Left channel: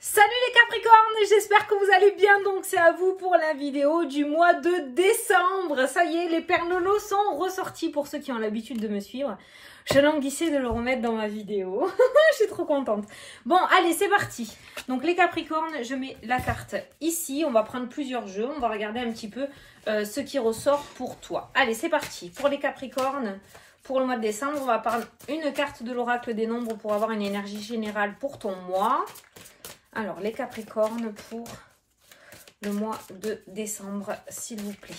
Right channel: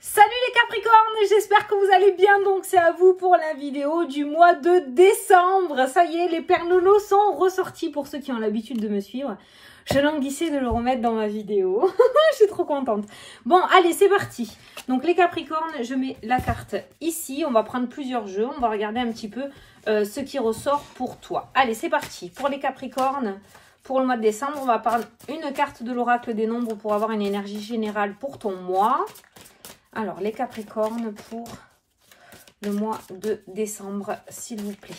Salut les Capricornes, j'espère que vous allez bien. Donc c'est à vous pour la vidéo du mois de décembre. Ça y est, les pernolos sont ressortis pour ceux qui ont l'habitude de me suivre. Je languissais de le remettre dans ma vidéo. Je suis trop contente. Bon, allez, c'est parti. Donc les Capricornes, je mets la carte ici. On va prendre plusieurs jeux. On va regarder un petit peu ce qui ressort pour toi. Allez, c'est parti. Pour les Capricornes, pour le mois de décembre, on va prendre une carte de l'oracle des nombres pour avoir une énergie générale pour ton mois. Alors, les Capricornes pour le mois de décembre, s'il vous plaît.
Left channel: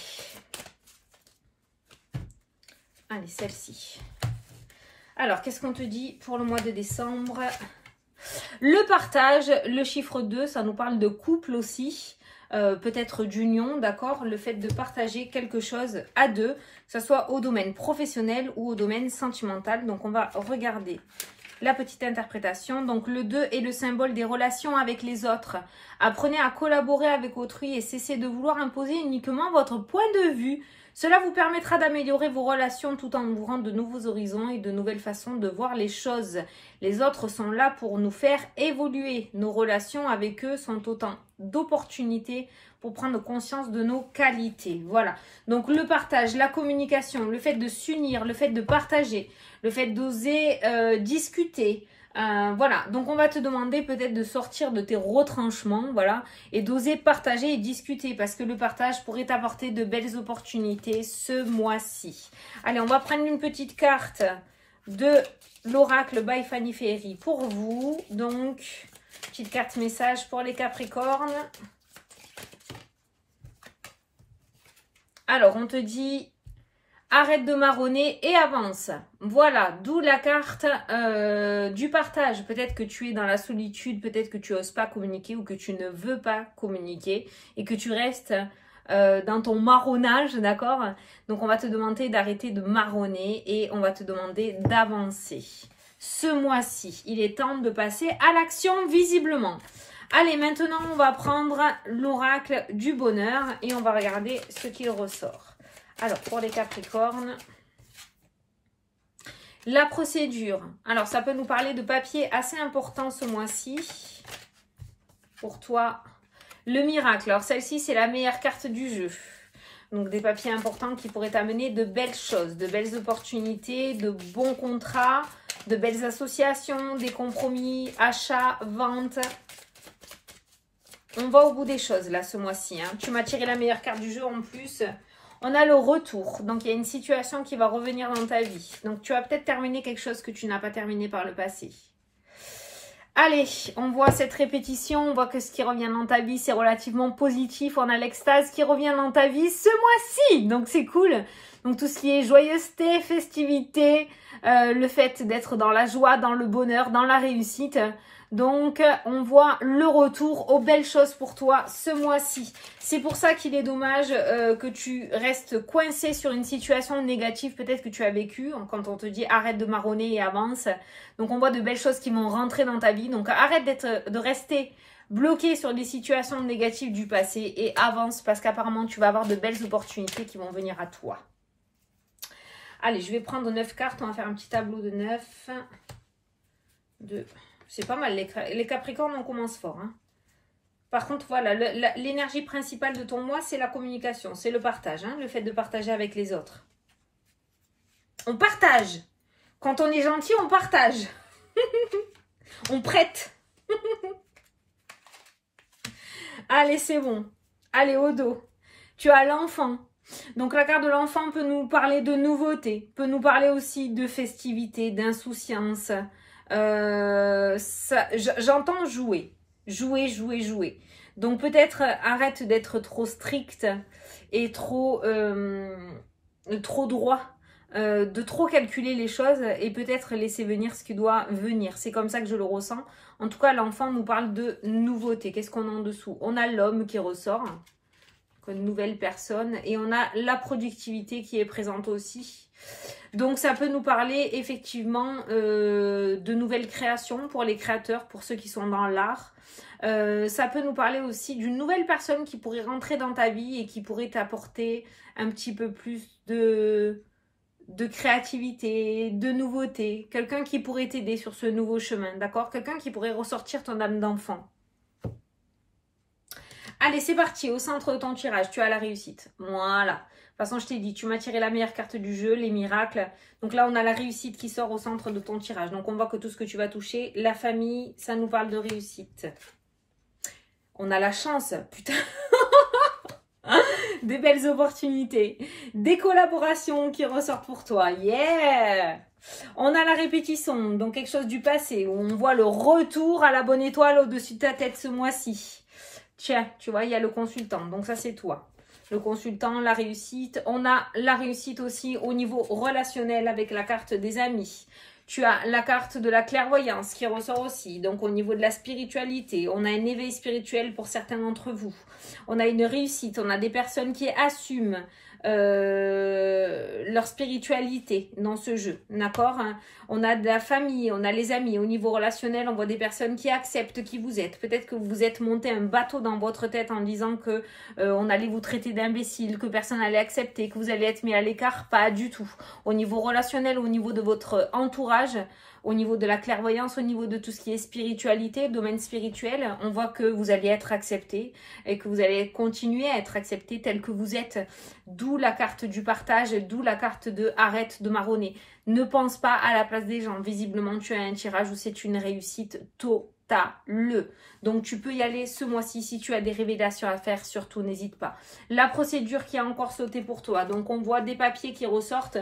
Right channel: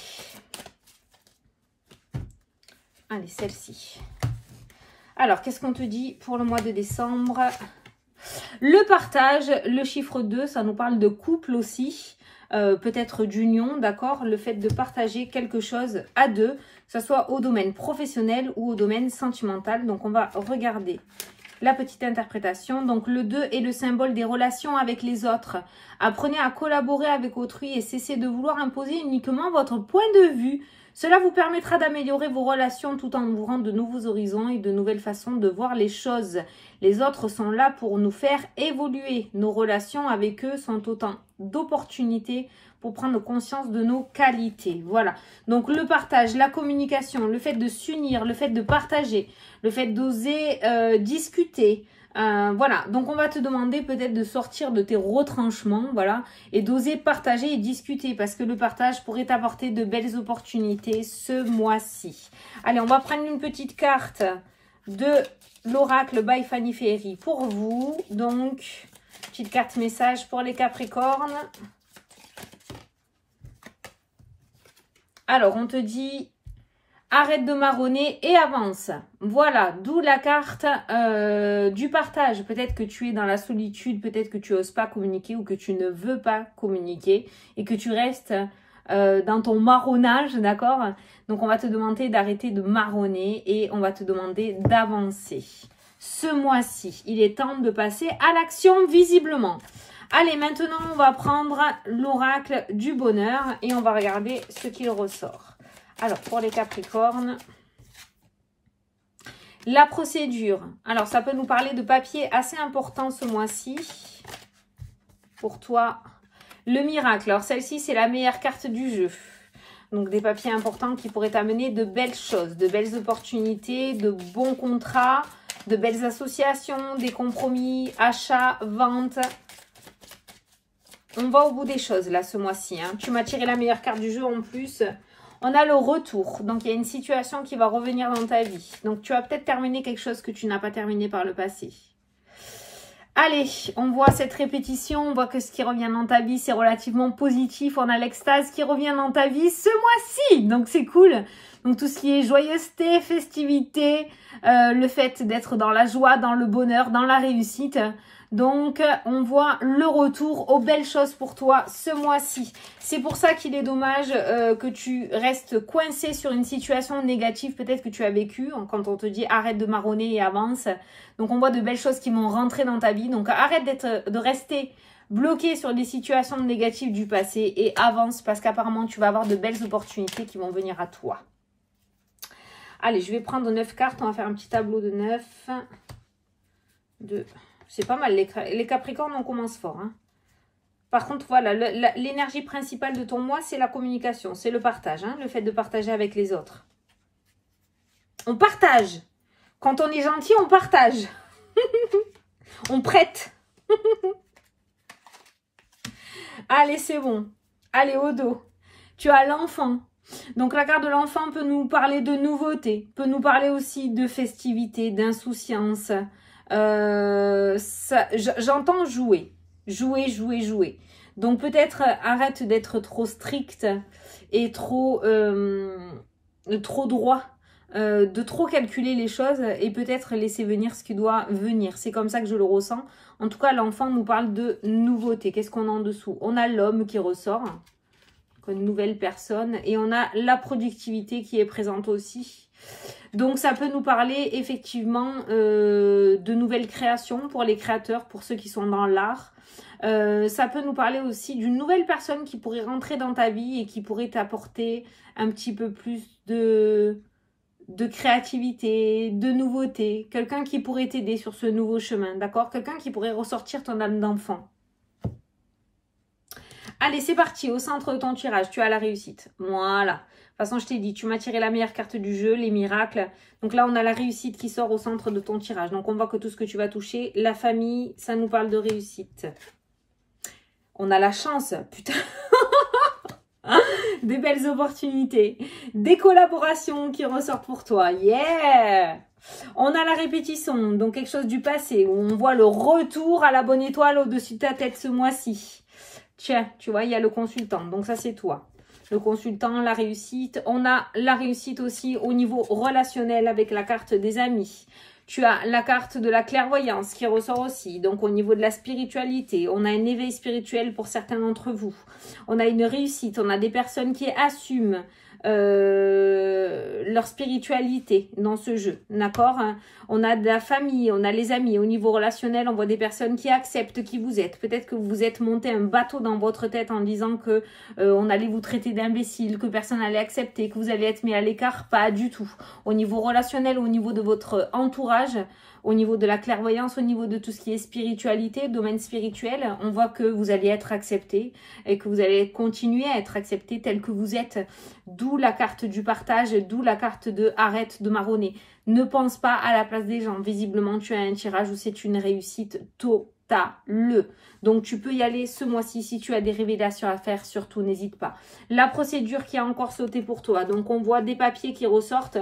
Allez, celle-ci. Alors, qu'est-ce qu'on te dit pour le mois de décembre? Le partage, le chiffre 2, ça nous parle de couple aussi. Peut-être d'union, d'accord? Le fait de partager quelque chose à deux, que ce soit au domaine professionnel ou au domaine sentimental. Donc, on va regarder la petite interprétation. Donc, le 2 est le symbole des relations avec les autres. Apprenez à collaborer avec autrui et cessez de vouloir imposer uniquement votre point de vue. Cela vous permettra d'améliorer vos relations tout en ouvrant de nouveaux horizons et de nouvelles façons de voir les choses. Les autres sont là pour nous faire évoluer. Nos relations avec eux sont autant d'opportunités pour prendre conscience de nos qualités. Voilà. Donc, le partage, la communication, le fait de s'unir, le fait de partager, le fait d'oser discuter. Voilà. Donc, on va te demander peut-être de sortir de tes retranchements, voilà, et d'oser partager et discuter parce que le partage pourrait t'apporter de belles opportunités ce mois-ci. Allez, on va prendre une petite carte de l'oracle by Fanny Ferry pour vous. Donc, petite carte message pour les Capricornes. Alors, on te dit, arrête de marronner et avance. Voilà, d'où la carte du partage. Peut-être que tu es dans la solitude, peut-être que tu n'oses pas communiquer ou que tu ne veux pas communiquer et que tu restes dans ton marronnage, d'accord? Donc, on va te demander d'arrêter de marronner et on va te demander d'avancer. Ce mois-ci, il est temps de passer à l'action visiblement. Allez, maintenant, on va prendre l'oracle du bonheur et on va regarder ce qu'il ressort. Alors, pour les Capricornes, la procédure. Alors, ça peut nous parler de papiers assez importants ce mois-ci. Pour toi, le miracle. Alors, celle-ci, c'est la meilleure carte du jeu. Donc, des papiers importants qui pourraient t'amener de belles choses, de belles opportunités, de bons contrats, de belles associations, des compromis, achats, ventes. On va au bout des choses, là, ce mois-ci. Hein. Tu m'as tiré la meilleure carte du jeu en plus. On a le retour. Donc, il y a une situation qui va revenir dans ta vie. Donc, tu vas peut-être terminer quelque chose que tu n'as pas terminé par le passé. Allez, on voit cette répétition. On voit que ce qui revient dans ta vie, c'est relativement positif. On a l'extase qui revient dans ta vie ce mois-ci. Donc, c'est cool. Donc, tout ce qui est joyeuseté, festivité, le fait d'être dans la joie, dans le bonheur, dans la réussite. Donc, on voit le retour aux belles choses pour toi ce mois-ci. C'est pour ça qu'il est dommage que tu restes coincé sur une situation négative peut-être que tu as vécue. Quand on te dit arrête de marronner et avance. Donc, on voit de belles choses qui vont rentrer dans ta vie. Donc, arrête de rester bloqué sur des situations négatives du passé et avance parce qu'apparemment, tu vas avoir de belles opportunités qui vont venir à toi. Allez, je vais prendre 9 cartes. On va faire un petit tableau de 9. 2... C'est pas mal, les Capricornes, on commence fort. Hein. Par contre, voilà, l'énergie principale de ton mois, c'est la communication, c'est le partage, hein, le fait de partager avec les autres. On partage. Quand on est gentil, on partage. On prête. Allez, c'est bon. Allez, au dos. Tu as l'enfant. Donc, la carte de l'enfant peut nous parler de nouveautés, peut nous parler aussi de festivité, d'insouciance. J'entends jouer. Jouer. Donc, peut-être arrête d'être trop strict et trop droit, de trop calculer les choses et peut-être laisser venir ce qui doit venir. C'est comme ça que je le ressens. En tout cas, l'enfant nous parle de nouveauté. Qu'est-ce qu'on a en dessous? On a l'homme qui ressort, une nouvelle personne, et on a la productivité qui est présente aussi. Donc, ça peut nous parler effectivement de nouvelles créations pour les créateurs, pour ceux qui sont dans l'art. Ça peut nous parler aussi d'une nouvelle personne qui pourrait rentrer dans ta vie et qui pourrait t'apporter un petit peu plus de créativité, de nouveauté. Quelqu'un qui pourrait t'aider sur ce nouveau chemin, d'accord? Quelqu'un qui pourrait ressortir ton âme d'enfant. Allez, c'est parti. Au centre de ton tirage, tu as la réussite. Voilà. De toute façon, je t'ai dit, tu m'as tiré la meilleure carte du jeu, les miracles. Donc là, on a la réussite qui sort au centre de ton tirage. Donc, on voit que tout ce que tu vas toucher, la famille, ça nous parle de réussite. On a la chance, putain. Des belles opportunités. Des collaborations qui ressortent pour toi. Yeah! On a la répétition, donc quelque chose du passé, où on voit le retour à la bonne étoile au-dessus de ta tête ce mois-ci. Tiens, tu vois, il y a le consultant, donc ça c'est toi. Le consultant, la réussite. On a la réussite aussi au niveau relationnel avec la carte des amis. Tu as la carte de la clairvoyance qui ressort aussi. Donc, au niveau de la spiritualité, on a un éveil spirituel pour certains d'entre vous. On a une réussite. On a des personnes qui assument leur spiritualité dans ce jeu. D'accord? On a de la famille, on a les amis. Au niveau relationnel, on voit des personnes qui acceptent qui vous êtes. Peut-être que vous vous êtes monté un bateau dans votre tête en disant que on allait vous traiter d'imbécile, que personne n'allait accepter, que vous allez être mis à l'écart. Pas du tout. Au niveau relationnel, au niveau de votre entourage, au niveau de la clairvoyance, au niveau de tout ce qui est spiritualité, domaine spirituel, on voit que vous allez être accepté et que vous allez continuer à être accepté tel que vous êtes. D'où la carte du partage, d'où la carte de arrête de marronner. Ne pense pas à la place des gens. Visiblement, tu as un tirage où c'est une réussite totale. Donc, tu peux y aller ce mois-ci. Si tu as des révélations à faire, surtout, n'hésite pas. La procédure qui a encore sauté pour toi. Donc, on voit des papiers qui ressortent.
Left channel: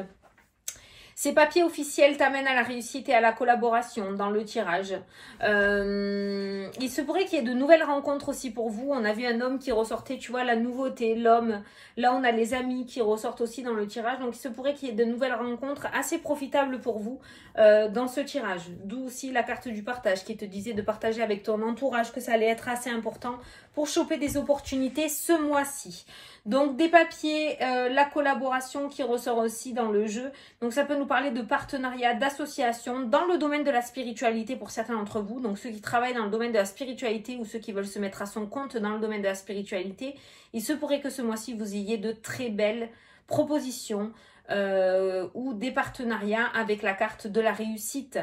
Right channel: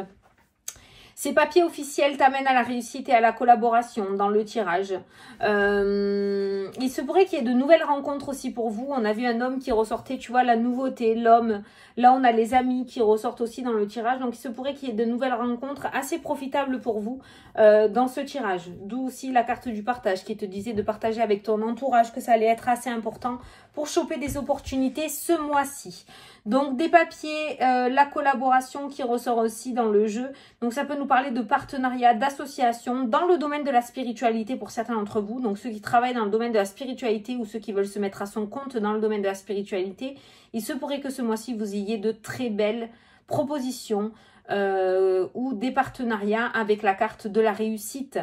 Ces papiers officiels t'amènent à la réussite et à la collaboration dans le tirage. Il se pourrait qu'il y ait de nouvelles rencontres aussi pour vous. On a vu un homme qui ressortait, tu vois, la nouveauté, l'homme. Là, on a les amis qui ressortent aussi dans le tirage. Donc, il se pourrait qu'il y ait de nouvelles rencontres assez profitables pour vous dans ce tirage. D'où aussi la carte du partage qui te disait de partager avec ton entourage, que ça allait être assez important pour choper des opportunités ce mois-ci. Donc, des papiers, la collaboration qui ressort aussi dans le jeu. Donc, ça peut nous parler de partenariat, d'association dans le domaine de la spiritualité pour certains d'entre vous. Donc, ceux qui travaillent dans le domaine de la spiritualité ou ceux qui veulent se mettre à son compte dans le domaine de la spiritualité. Il se pourrait que ce mois-ci, vous ayez de très belles propositions ou des partenariats avec la carte de la réussite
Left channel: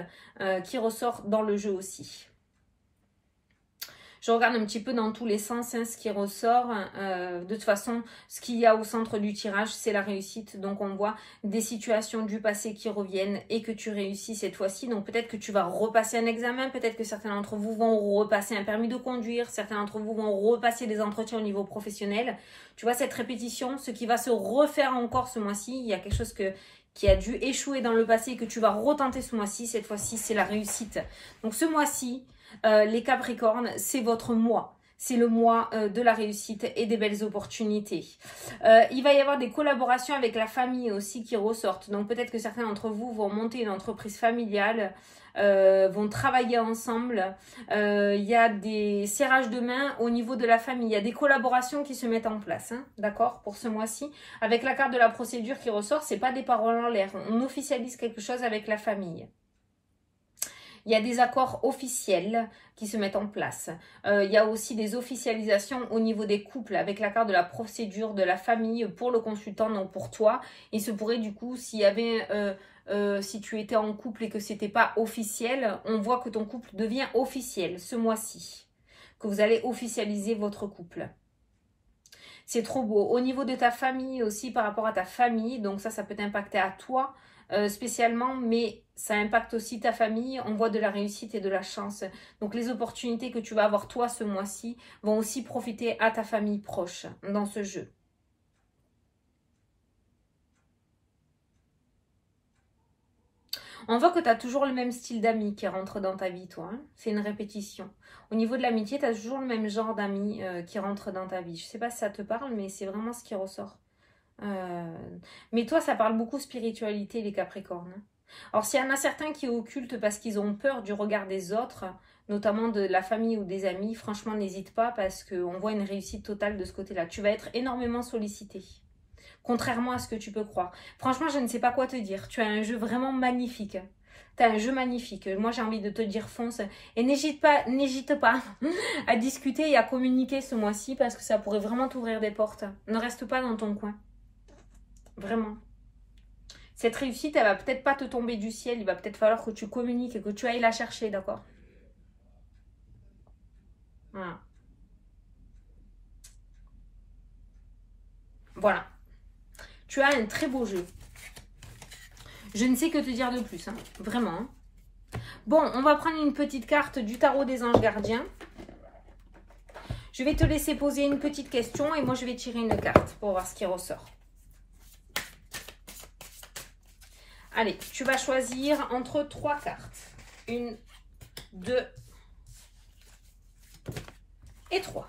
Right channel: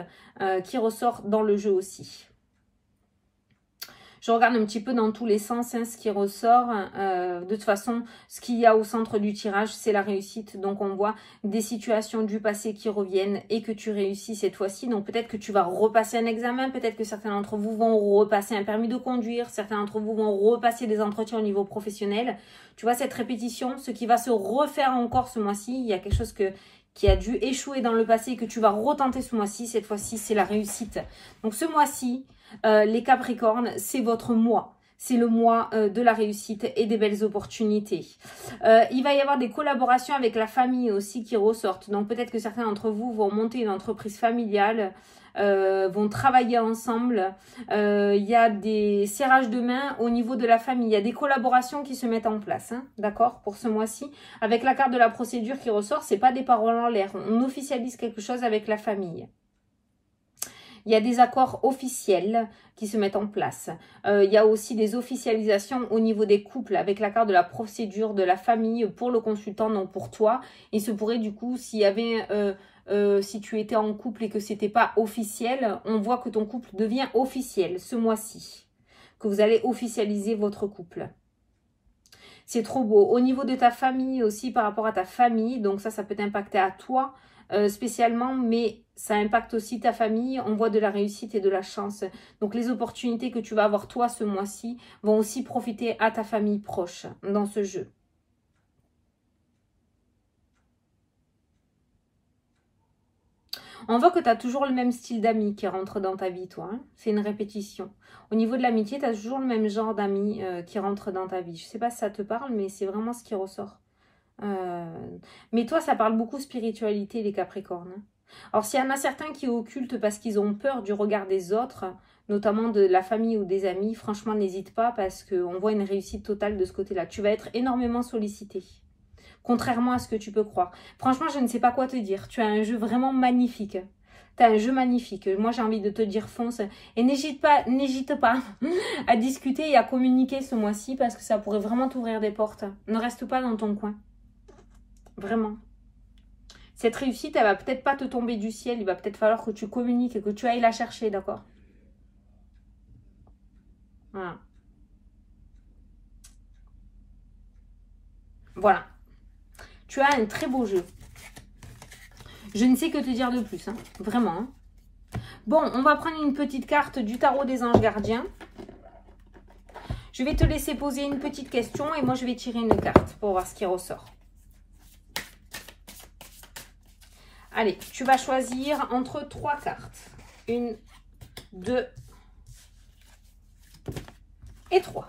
qui ressort dans le jeu aussi. Je regarde un petit peu dans tous les sens ce qui ressort. De toute façon, ce qu'il y a au centre du tirage, c'est la réussite. Donc, on voit des situations du passé qui reviennent et que tu réussis cette fois-ci. Donc, peut-être que tu vas repasser un examen. Peut-être que certains d'entre vous vont repasser un permis de conduire. Certains d'entre vous vont repasser des entretiens au niveau professionnel. Tu vois, cette répétition, ce qui va se refaire encore ce mois-ci, il y a quelque chose qui a dû échouer dans le passé et que tu vas retenter ce mois-ci. Cette fois-ci, c'est la réussite. Donc, ce mois-ci, les Capricornes, c'est votre mois. C'est le mois de la réussite et des belles opportunités. Il va y avoir des collaborations avec la famille aussi qui ressortent. Donc peut-être que certains d'entre vous vont monter une entreprise familiale, vont travailler ensemble. Il y a des serrages de main au niveau de la famille. Il y a des collaborations qui se mettent en place, hein, d'accord, pour ce mois-ci. Avec la carte de la procédure qui ressort, c'est pas des paroles en l'air. On officialise quelque chose avec la famille. Il y a des accords officiels qui se mettent en place. Il y a aussi des officialisations au niveau des couples avec la carte de la procédure de la famille pour le consultant, donc pour toi. Il se pourrait du coup, s'il y avait, si tu étais en couple et que c'était pas officiel, on voit que ton couple devient officiel ce mois-ci. Que vous allez officialiser votre couple. C'est trop beau. Au niveau de ta famille aussi, par rapport à ta famille, donc ça peut t'impacter à toi. Spécialement, mais ça impacte aussi ta famille. On voit de la réussite et de la chance. Donc les opportunités que tu vas avoir toi ce mois-ci vont aussi profiter à ta famille proche dans ce jeu. On voit que tu as toujours le même style d'amis qui rentre dans ta vie, toi. Hein. C'est une répétition. Au niveau de l'amitié, tu as toujours le même genre d'amis qui rentre dans ta vie. Je ne sais pas si ça te parle, mais c'est vraiment ce qui ressort. Mais toi, ça parle beaucoup spiritualité, les Capricornes. Hein. Alors, s'il y en a certains qui occultent parce qu'ils ont peur du regard des autres, notamment de la famille ou des amis, franchement, n'hésite pas parce qu'on voit une réussite totale de ce côté-là. Tu vas être énormément sollicité, contrairement à ce que tu peux croire. Franchement, je ne sais pas quoi te dire. Tu as un jeu vraiment magnifique. Tu as un jeu magnifique. Moi, j'ai envie de te dire fonce. Et n'hésite pas à discuter et à communiquer ce mois-ci parce que ça pourrait vraiment t'ouvrir des portes. Ne reste pas dans ton coin. Vraiment. Cette réussite, elle va peut-être pas te tomber du ciel. Il va peut-être falloir que tu communiques et que tu ailles la chercher, d'accord? Voilà. Voilà. Tu as un très beau jeu. Je ne sais que te dire de plus, hein. Vraiment. Hein. Bon, on va prendre une petite carte du tarot des anges gardiens. Je vais te laisser poser une petite question et moi je vais tirer une carte pour voir ce qui ressort. Allez, tu vas choisir entre 3 cartes. 1, 2 et 3.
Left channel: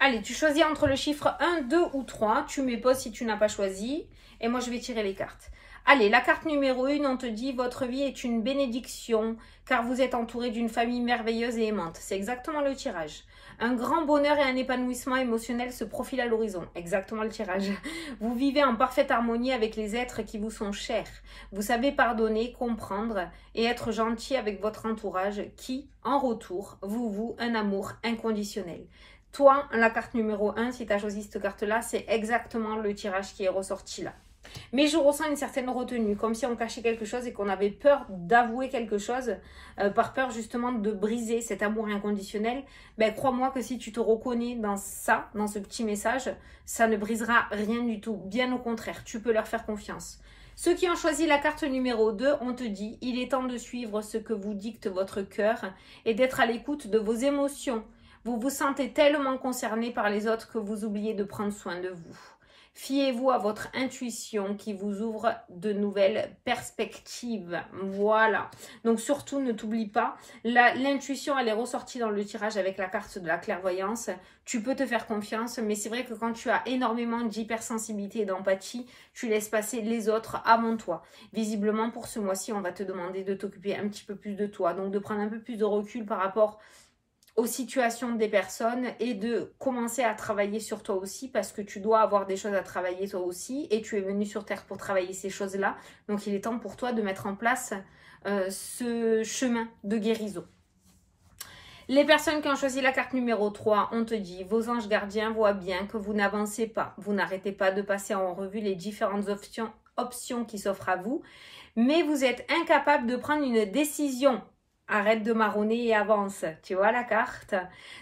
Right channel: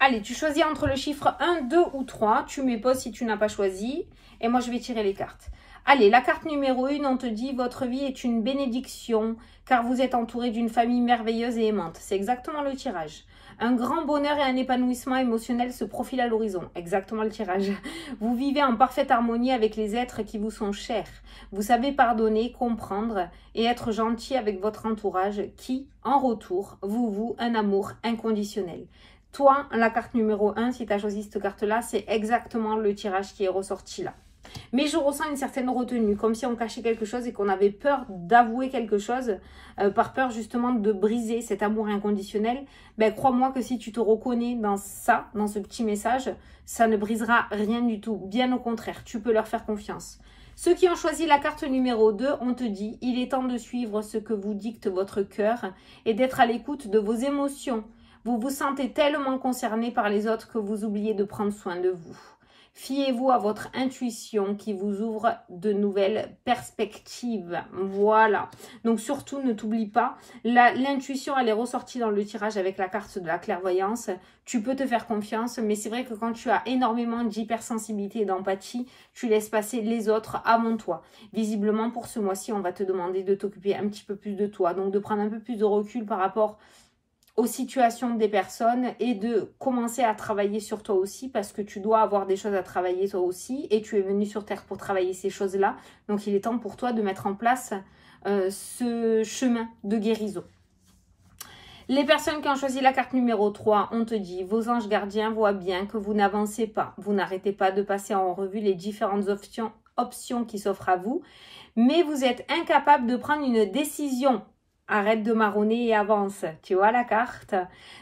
Allez, tu choisis entre le chiffre 1, 2 ou 3. Tu mets pause si tu n'as pas choisi. Et moi, je vais tirer les cartes. Allez, la carte numéro 1, on te dit « Votre vie est une bénédiction car vous êtes entouré d'une famille merveilleuse et aimante. » C'est exactement le tirage. Un grand bonheur et un épanouissement émotionnel se profilent à l'horizon. Exactement le tirage. Vous vivez en parfaite harmonie avec les êtres qui vous sont chers. Vous savez pardonner, comprendre et être gentil avec votre entourage qui, en retour, vous voue un amour inconditionnel. Toi, la carte numéro 1, si tu as choisi cette carte-là, c'est exactement le tirage qui est ressorti là. Mais je ressens une certaine retenue, comme si on cachait quelque chose et qu'on avait peur d'avouer quelque chose, par peur justement de briser cet amour inconditionnel. Ben, crois-moi que si tu te reconnais dans ça, dans ce petit message, ça ne brisera rien du tout. Bien au contraire, tu peux leur faire confiance. Ceux qui ont choisi la carte numéro 2, on te dit « Il est temps de suivre ce que vous dicte votre cœur et d'être à l'écoute de vos émotions. Vous vous sentez tellement concerné par les autres que vous oubliez de prendre soin de vous. Fiez-vous à votre intuition qui vous ouvre de nouvelles perspectives. » Voilà. Donc surtout, ne t'oublie pas. L'intuition, elle est ressortie dans le tirage avec la carte de la clairvoyance. Tu peux te faire confiance, mais c'est vrai que quand tu as énormément d'hypersensibilité et d'empathie, tu laisses passer les autres avant toi. Visiblement, pour ce mois-ci, on va te demander de t'occuper un petit peu plus de toi. Donc de prendre un peu plus de recul par rapport aux situations des personnes et de commencer à travailler sur toi aussi parce que tu dois avoir des choses à travailler toi aussi et tu es venu sur Terre pour travailler ces choses-là. Donc, il est temps pour toi de mettre en place ce chemin de guérison. Les personnes qui ont choisi la carte numéro 3, on te dit, vos anges gardiens voient bien que vous n'avancez pas. Vous n'arrêtez pas de passer en revue les différentes options qui s'offrent à vous, mais vous êtes incapable de prendre une décision. Arrête de marronner et avance. Tu vois la carte?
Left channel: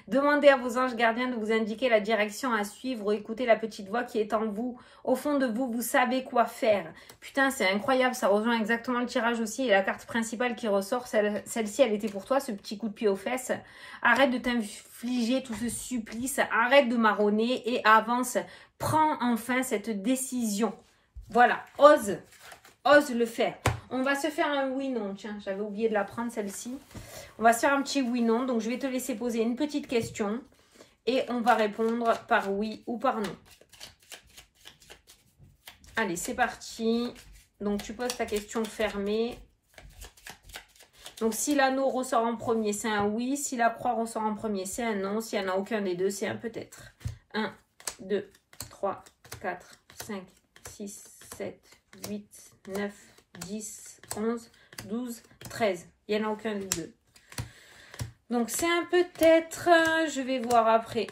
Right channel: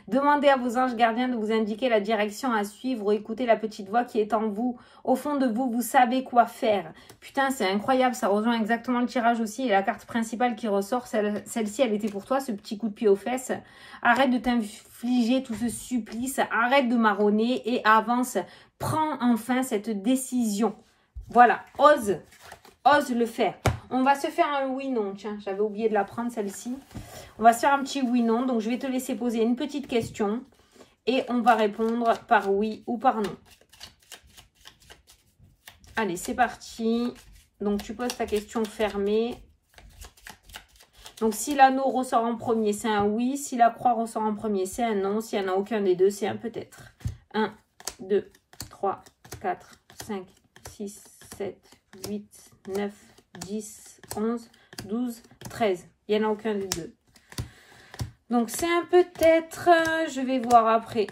Demandez à vos anges gardiens de vous indiquer la direction à suivre ou écoutez la petite voix qui est en vous. Au fond de vous, vous savez quoi faire. Putain, c'est incroyable. Ça rejoint exactement le tirage aussi. Et la carte principale qui ressort, celle-ci, elle était pour toi, ce petit coup de pied aux fesses. Arrête de t'infliger tout ce supplice. Arrête de marronner et avance. Prends enfin cette décision. Voilà, ose le faire. On va se faire un oui-non. Tiens, j'avais oublié de la prendre celle-ci. On va se faire un petit oui-non. Donc, je vais te laisser poser une petite question. Et on va répondre par oui ou par non. Allez, c'est parti. Donc, tu poses ta question fermée. Donc, si l'anneau ressort en premier, c'est un oui. Si la croix ressort en premier, c'est un non. S'il n'y en a aucun des deux, c'est un peut-être. 1, 2, 3, 4, 5, 6, 7, 8, 9, 10, 11, 12, 13. Il n'y en a aucun des deux. Donc, c'est un peut-être. Je vais voir après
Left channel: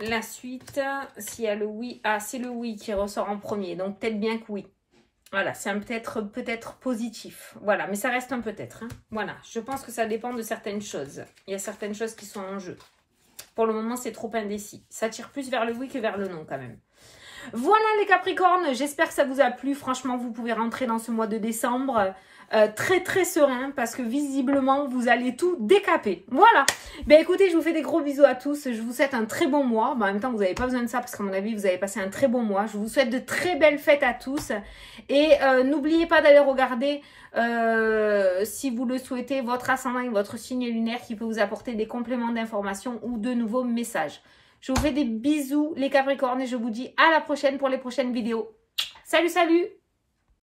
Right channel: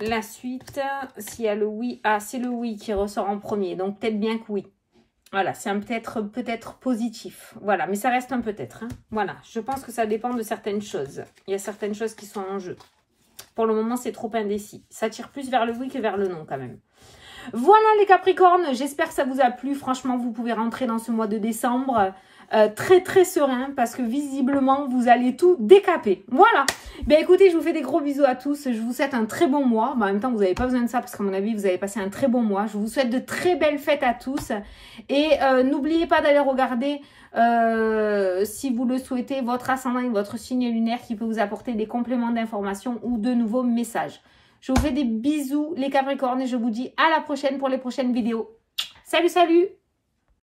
la suite. S'il y a le oui. Ah, c'est le oui qui ressort en premier. Donc, peut-être bien que oui. Voilà, c'est un peut-être positif. Voilà, mais ça reste un peut-être. Hein. Voilà, je pense que ça dépend de certaines choses. Il y a certaines choses qui sont en jeu. Pour le moment, c'est trop indécis. Ça tire plus vers le oui que vers le non quand même. Voilà les Capricornes, j'espère que ça vous a plu. Franchement, vous pouvez rentrer dans ce mois de décembre très serein parce que visiblement, vous allez tout décaper. Voilà. Ben écoutez, je vous fais des gros bisous à tous. Je vous souhaite un très bon mois. Ben, en même temps, vous n'avez pas besoin de ça parce qu'à mon avis, vous avez passé un très bon mois. Je vous souhaite de très belles fêtes à tous. Et n'oubliez pas d'aller regarder, si vous le souhaitez, votre ascendant et votre signe lunaire qui peut vous apporter des compléments d'information ou de nouveaux messages. Je vous fais des bisous les Capricornes et je vous dis à la prochaine pour les prochaines vidéos. Salut, salut!